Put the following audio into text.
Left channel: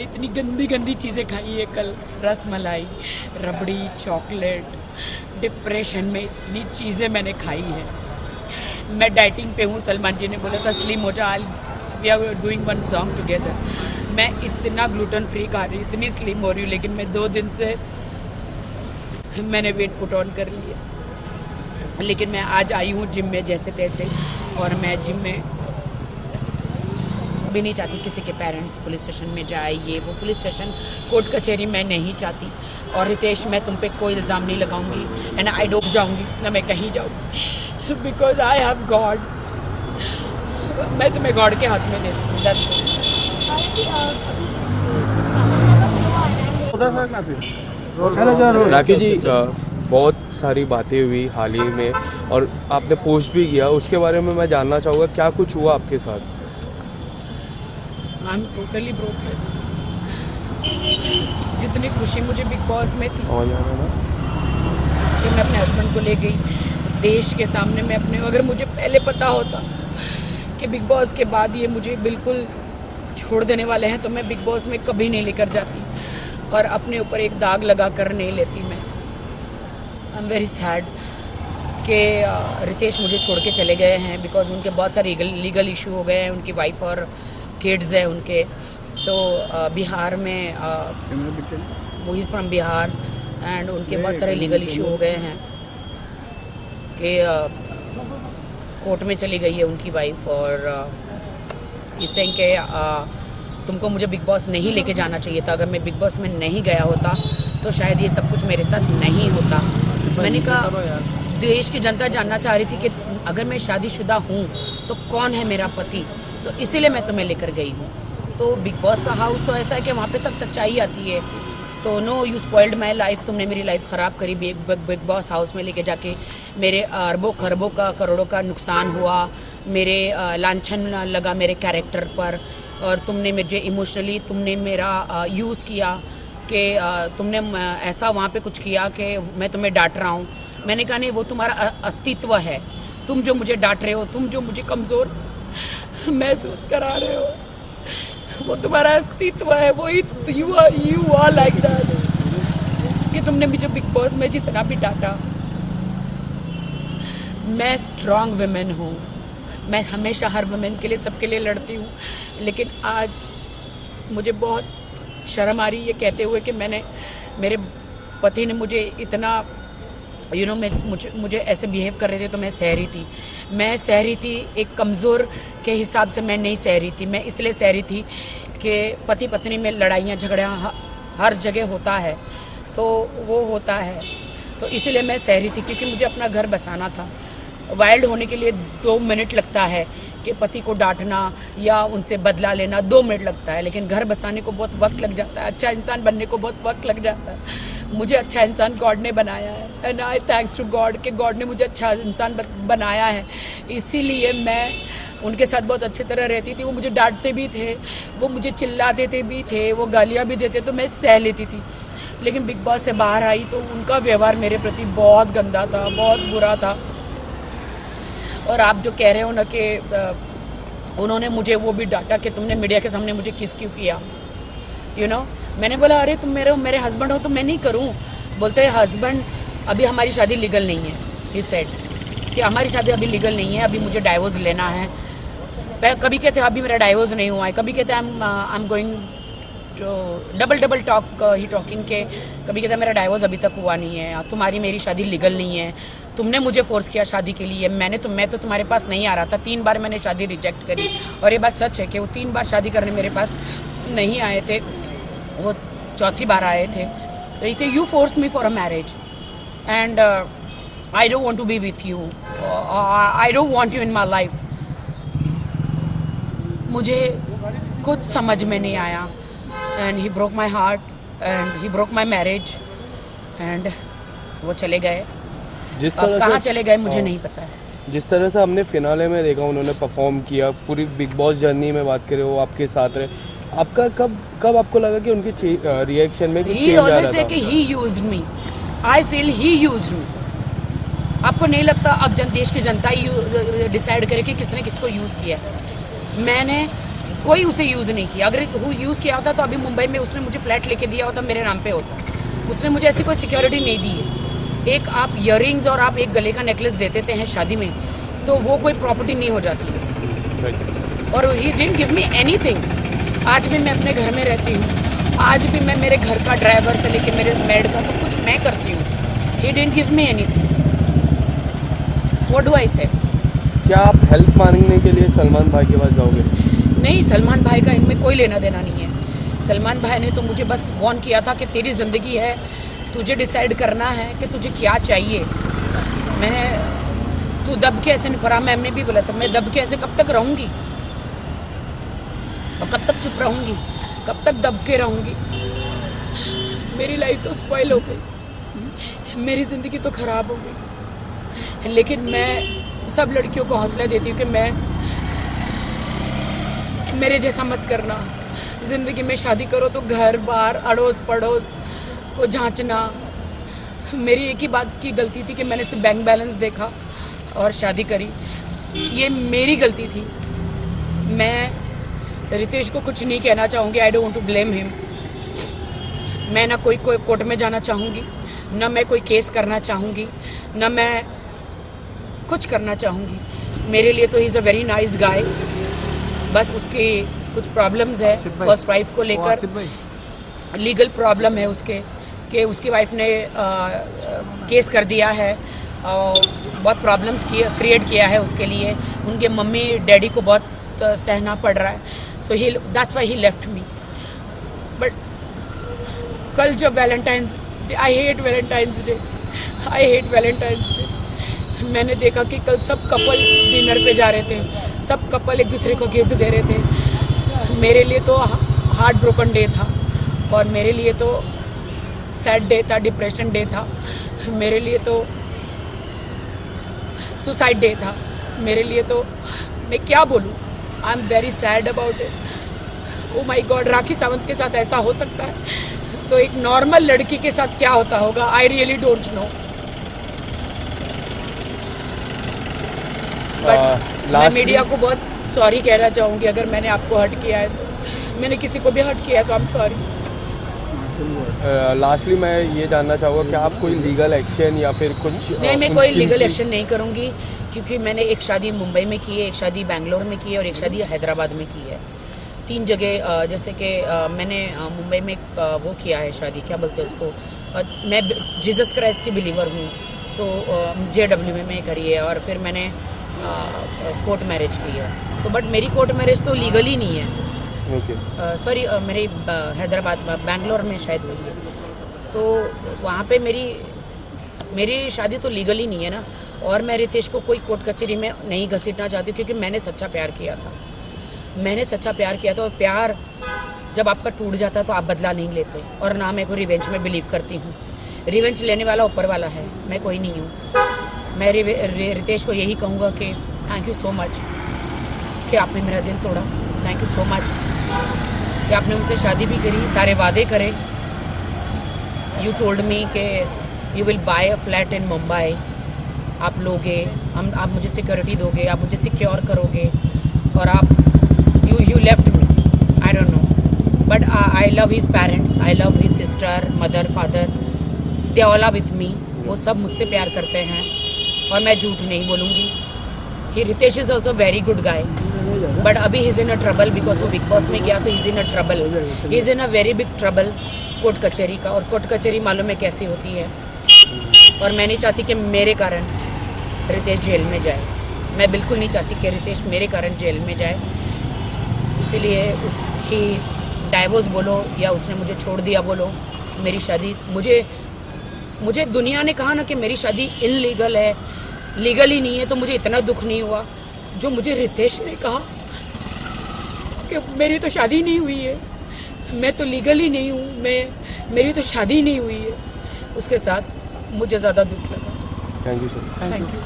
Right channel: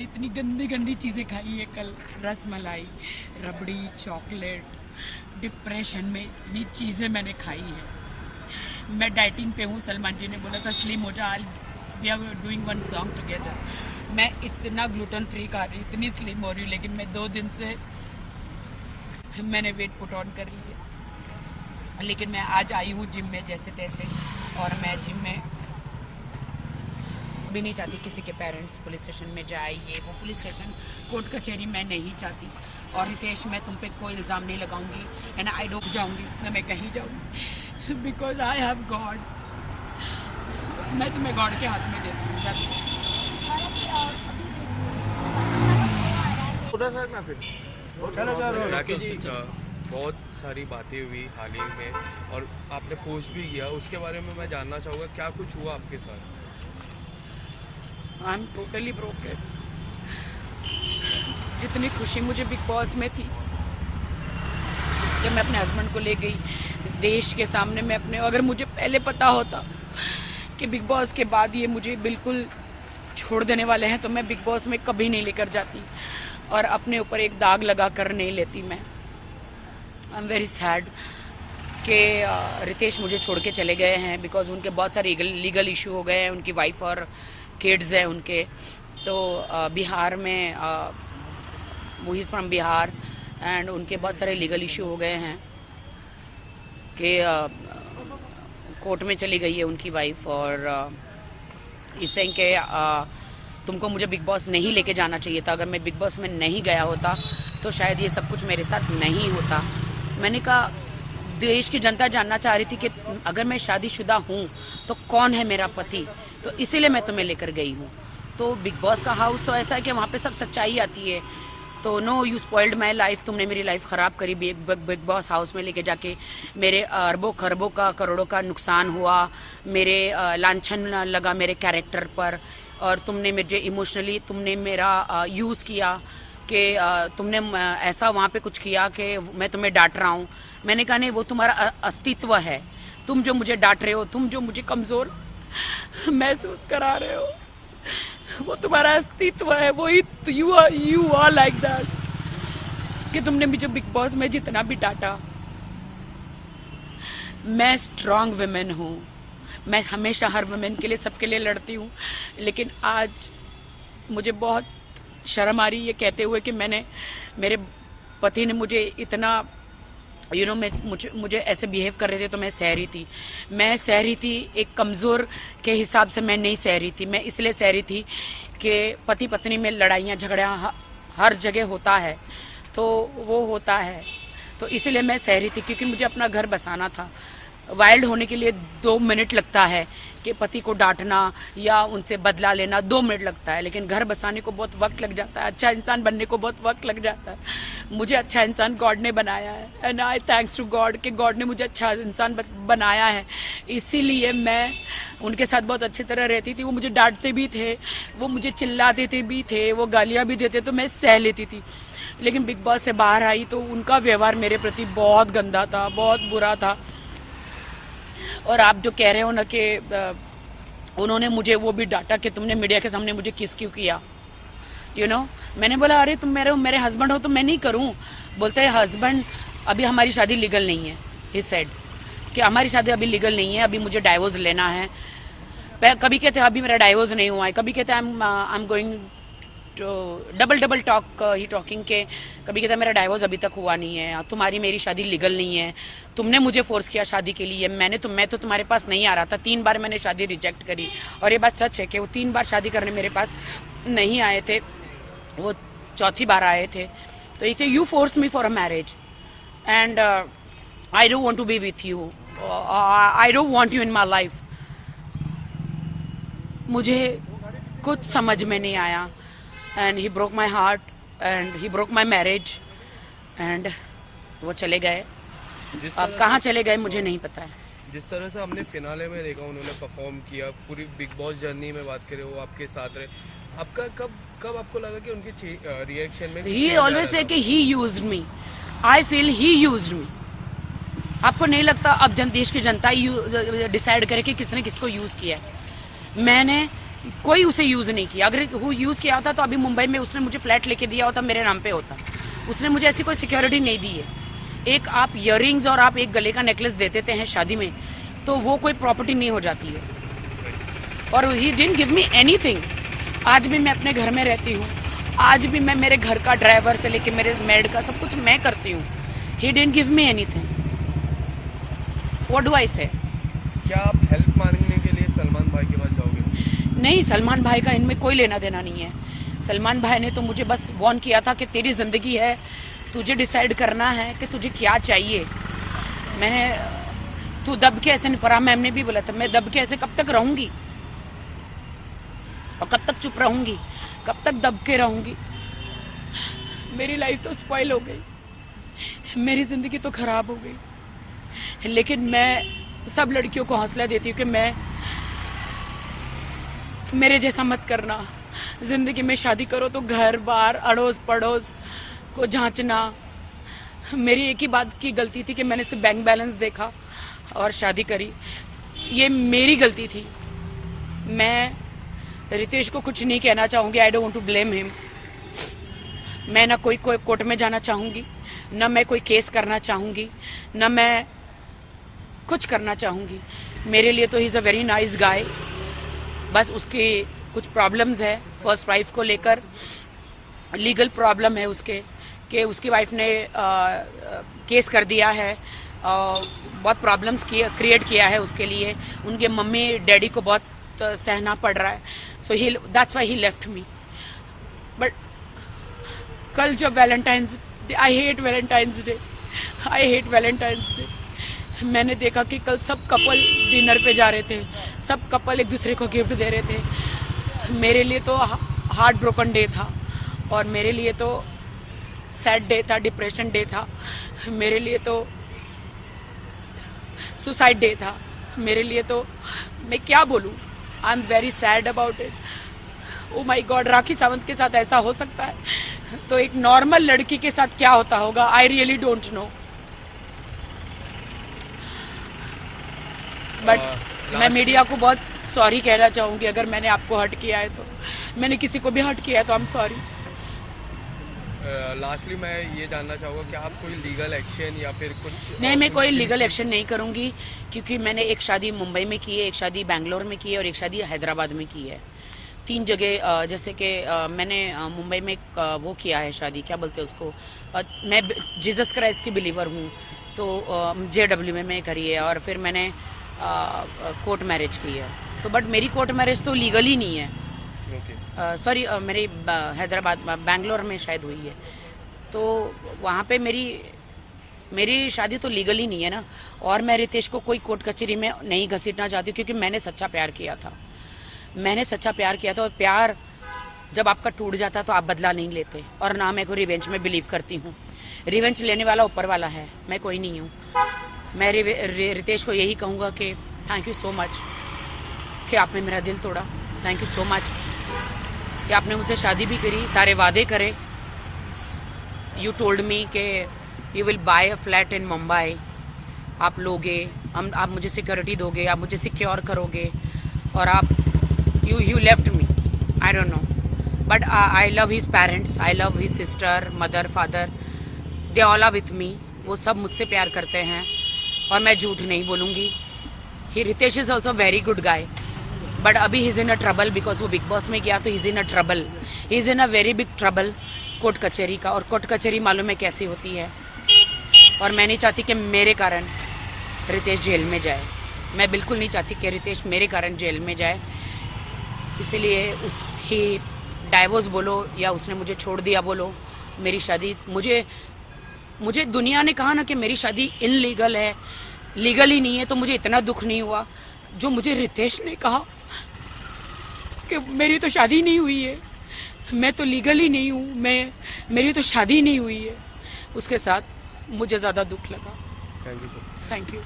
इतनी गंदी गंदी चीज़ें खाई है कल, रस मलाई, रबड़ी, चॉकलेट। डिप्रेशन में इतनी चीज़ें मैंने खाई है। मैं डाइटिंग पे हूँ। सलमान जी ने बोला था स्लिम हो जा, we are doing one song together. मैं इतना ग्लूटेन फ्री खा रही हूँ, इतनी स्लिम हो रही हूँ, लेकिन मैं 2 दिन से मैंने वेट पुट ऑन कर लिया। लेकिन मैं आज आई हूँ जिम में जैसे तैसे, और मैं जिम में भी नहीं चाहती किसी के पेरेंट्स पुलिस स्टेशन में जाए, ये वो पुलिस स्टेशन कोर्ट कचहरी मैं नहीं चाहती। और रितेश, मैं तुम पे कोई इल्ज़ाम नहीं लगाऊंगी एंड आई डूब जाऊंगी ना, मैं कहीं जाऊंगी बिकॉज आई हैव गॉड। मैं तुम्हें गॉड के हाथ में देती हूँ। राखी जी, बहुत सारी बातें हुई हाल ही में और आपने पोस्ट भी किया, उसके बारे में मैं जानना चाहूँगा क्या कुछ हुआ आपके साथ? I am totally broken. जितनी खुशी मुझे बिग बॉस में थी कि मैं अपने हस्बैंड को ले गई देश के सामने, मैं अपने, अगर मुझे पहले पता होता कि बिग बॉस के बाद ये मुझे बिल्कुल छोड़ देने वाले हैं तो मैं बिग बॉस में कभी नहीं लेकर जाती और अपने ऊपर एक दाग लगा कर नहीं लेती। मैं आई एम वेरी सैड कि रितेश मुझे छोड़ के चले गए हैं बिकॉज उनके बहुत सारे लीगल इशू हो गए हैं। उनकी वाइफ और किड्स हैं उनके, तो बिहार में, वो इज़ फ्रॉम बिहार एंड उनके बहुत सारे लीगल इशू हो गए हैं कि कोर्ट में चली गई है उनकी वाइफ, और इससे कि तुमको मुझे बिग बॉस नहीं लेके जाना चाहिए था। अगर मैं बिग बॉस में नहीं गया होता तो शायद ये सब कुछ मेरे साथ नहीं होता। मैंने कहा देश की जनता जानना चाह रही थी कि अगर मैं शादीशुदा हूँ तो कौन है मेरा पति, तो इसीलिए मैं तुम्हें लेकर गई हूँ। तो बिग बॉस का हाउस तो ऐसा है कि वहाँ पे सब सच्चाई आती है। तो no, you spoiled my life, तुमने मेरी लाइफ ख़राब करी। बिग बॉस हाउस में लेके जाके मेरे अरबों खरबों का, करोड़ों का नुकसान हुआ, मेरे लांछन लगा मेरे कैरेक्टर पर, और तुमने मुझे इमोशनली तुमने मेरा यूज़ किया कि तुमने ऐसा वहाँ पे कुछ किया कि मैं तुम्हें डांट रहा हूँ। मैंने कहा नहीं, वो तुम्हारा अस्तित्व है। तुम जो मुझे डांट रहे हो, तुम जो मुझे कमज़ोर महसूस करा रहे हो, वो तुम्हारा अस्तित्व है। वो यू आर लाइक दैट कि तुमने मुझे बिग बॉस में जितना भी डांटा। मैं स्ट्रॉन्ग वुमेन हूँ, मैं हमेशा हर वुमेन के लिए, सबके लिए लड़ती हूँ, लेकिन आज मुझे बहुत शर्म आ रही है ये कहते हुए कि मेरे पति ने मुझे इतना मुझे ऐसे बिहेव कर रहे थे तो मैं सह रही थी। मैं सह रही थी एक कमज़ोर के हिसाब से, मैं नहीं सह रही थी। मैं इसलिए सह रही थी कि पति पत्नी में लड़ाइयाँ झगड़ियाँ हर जगह होता है, तो वो होता है, तो इसलिए मैं सह रही थी क्योंकि मुझे अपना घर बसाना था। वाइल्ड होने के लिए 2 मिनट लगता है कि पति को डांटना या उनसे बदला लेना 2 मिनट लगता है, लेकिन घर बसाने को बहुत वक्त लग जाता है। अच्छा इंसान बनने को बहुत वक्त लग जाता है। मुझे अच्छा इंसान गॉड ने बनाया है and I thanks to God कि गॉड ने मुझे अच्छा इंसान बनाया है। इसीलिए मैं उनके साथ बहुत अच्छी तरह रहती थी। वो मुझे डांटते भी थे, वो मुझे चिल्लाते थे भी थे, वो गालियाँ भी देते, तो मैं सह लेती थी। लेकिन बिग बॉस से बाहर आई तो उनका व्यवहार मेरे प्रति बहुत गंदा था, बहुत बुरा था। और आप जो कह रहे हो ना कि उन्होंने मुझे वो भी डांटा कि तुमने मीडिया के सामने मुझे किस क्यों किया, मैंने बोला अरे तुम मेरे हस्बैंड हो तो मैं नहीं करूं। बोलते हैं हस्बैंड, अभी हमारी शादी लीगल नहीं है। ही सेड कि हमारी शादी अभी लीगल नहीं है, अभी मुझे डाइवोर्स लेना है। कभी कहते हैं अभी मेरा डाइवोर्स नहीं हुआ है, कभी कहते हैं I am going to double talk he talking के, कभी कहते हैं मेरा डाइवोर्स अभी तक हुआ नहीं है, तुम्हारी मेरी शादी लीगल नहीं है, तुमने मुझे फोर्स किया शादी के लिए। मैं तो तुम्हारे पास नहीं आ रहा था। 3 बार मैंने शादी रिजेक्ट करी, और ये बात सच है कि वो 3 बार शादी करने मेरे पास नहीं आए थे, वो 4थी बार आए थे। तो ये कि you force me for a marriage and I don't want to be with you, I don't want you in my life. मुझे खुद समझ में नहीं आया and he broke my heart and he broke my marriage and वो चले गए। जिस अब तरह कहाँ से चले गए मुझे नहीं पता है। जिस तरह से हमने फिनाले में देखा उन्होंने परफॉर्म किया, पूरी बिग बॉस जर्नी में बात करें वो आपके साथ रहे, आपका कब आपको लगा कि उनके रिएक्शन में कुछ चेंज आ रहा था? कि he used me, I feel he used me. आपको नहीं लगता अब देश की जनता ही डिसाइड करे कि किसने किसको यूज़ किया? मैंने कोई उसे यूज़ नहीं किया। अगर वो यूज़ किया होता तो अभी मुंबई में उसने मुझे फ्लैट लेके दिया होता, मेरे नाम पे होता। उसने मुझे ऐसी कोई सिक्योरिटी नहीं दी है। एक आप इयररिंग्स और आप एक गले का नेकलेस दे देते हैं शादी में, तो वो कोई प्रॉपर्टी नहीं हो जाती है। और he didn't give me anything. आज भी मैं अपने घर में रहती हूँ, आज भी मैं मेरे घर का ड्राइवर से लेके मेरे मेड का सब कुछ मैं करती हूँ। He didn't give me anything. What do I से? क्या आप हेल्प मांगने के लिए सलमान भाई के पास जाओगे? नहीं, सलमान भाई का इनमें कोई लेना देना नहीं है। सलमान भाई ने तो मुझे बस वार्न किया था कि तेरी ज़िंदगी है, तुझे डिसाइड करना है कि तुझे क्या चाहिए। तू दब के ऐसे, फरहा मैम ने भी बोला था, मैं दब के ऐसे कब तक रहूँगी और कब तक चुप रहूँगी, कब तक दब के रहूँगी। मेरी लाइफ तो स्पॉइल हो गई, मेरी ज़िंदगी तो ख़राब हो गई। लेकिन मैं सब लड़कियों को हौसला देती हूँ कि मेरे जैसा मत करना। ज़िंदगी में शादी करो तो घर बार अड़ोस पड़ोस को जांचना। मेरी एक ही बात की गलती थी कि मैंने सिर्फ बैंक बैलेंस देखा और शादी करी। ये मेरी गलती थी। मैं रितेश को कुछ नहीं कहना चाहूँगी, I don't want to blame him. मैं ना कोई कोर्ट में जाना चाहूँगी, ना मैं कोई केस करना चाहूँगी, ना मैं कुछ करना चाहूँगी। मेरे लिए तो he is a very nice guy. बस उसकी कुछ प्रॉब्लम्स है फर्स्ट वाइफ को लेकर, लीगल प्रॉब्लम है उसके कि उसकी वाइफ ने केस कर दिया है और बहुत प्रॉब्लम्स क्रिएट किया है उसके लिए। उनके मम्मी डैडी को बहुत सहना पड़ रहा है। So he that's why he left me. But कल जब Valentine's Day, I hate Valentine's Day, I hate Valentine's Day. मैंने देखा कि कल सब कपल डिनर पे जा रहे थे, सब कपल एक दूसरे को गिफ्ट दे रहे थे। मेरे लिए तो हार्ट ब्रोकन डे था और मेरे लिए तो सैड डे था, डिप्रेशन डे था, मेरे लिए तो सुसाइड डे था, मेरे लिए तो मैं क्या बोलूँ। I am very sad about it. Oh my God, Rakhi Sawant के साथ ऐसा हो सकता है तो एक नॉर्मल लड़की के साथ क्या होता होगा, I really don't know. But मैं मीडिया को बहुत सॉरी कहना चाहूँगी अगर मैंने आपको हर्ट किया है तो। मैंने किसी को भी हर्ट किया है तो आई एम सॉरी। लास्टली मैं ये जानना चाहूँगा कि आप कोई लीगल एक्शन या फिर कुछ? नहीं, मैं कोई लीगल एक्शन नहीं करूँगी क्योंकि मैंने एक शादी मुंबई में की है, एक शादी बेंगलोर में की है और एक शादी हैदराबाद में की है। 3 जगह जैसे कि मैंने मुंबई में वो किया है शादी, क्या बोलते हैं उसको, मैं जीसस क्राइस्ट की बिलीवर हूँ तो JW में करी है। और फिर मैंने कोर्ट मैरिज की है तो बट मेरी कोर्ट मैरिज तो लीगली नहीं है। सॉरी, मेरी हैदराबाद बेंगलोर में शायद हुई है तो वहाँ पे मेरी शादी तो लीगली नहीं है ना। और मैं रितेश को कोई कोर्ट कचहरी में नहीं घसीटना चाहती क्योंकि मैंने सच्चा प्यार किया था। मैंने सच्चा प्यार किया था और प्यार जब आपका टूट जाता है तो आप बदला नहीं लेते। और ना मैं को रिवेंज में बिलीव करती हूँ। रिवेंज लेने वाला ऊपर वाला है, मैं कोई नहीं हूँ। मैं रितेश को यही कहूँगा कि थैंक यू सो मच कि आपने मेरा दिल तोड़ा। थैंक यू सो मच कि आपने मुझसे शादी भी करी, सारे वादे करे। यू टोल्ड मी कि you will buy a flat in Mumbai, आप लोगे, आप मुझे सिक्योरिटी दोगे, आप मुझे सिक्योर करोगे और आप you left me. I don't know but I love his parents, I love his sister, mother, father, they all are with me. वो सब मुझसे प्यार करते हैं और मैं झूठ नहीं बोलूँगी। He Ritesh is also very good guy but अभी he is in a trouble because वो बिग बॉस में गया तो he is in a trouble, he is in a very big trouble court कचहरी का। और कोर्ट कचहरी मालूम है कैसी होती है और मैं नहीं चाहती कि मेरे कारण रितेश जेल में जाए। मैं बिल्कुल नहीं चाहती कि रितेश मेरे कारण जेल में जाए। इसीलिए उसकी डाइवोर्स बोलो या उसने मुझे छोड़ दिया बोलो, मेरी शादी मुझे दुनिया ने कहा ना कि मेरी शादी इनलीगल है, लीगल ही नहीं है तो मुझे इतना दुख नहीं हुआ जो मुझे रितेश ने कहा कि मेरी तो शादी नहीं हुई है, मैं तो लीगल ही नहीं हूँ, मेरी तो शादी नहीं हुई है। उसके साथ मुझे ज़्यादा दुख लगा। Thank you sir. Thank you.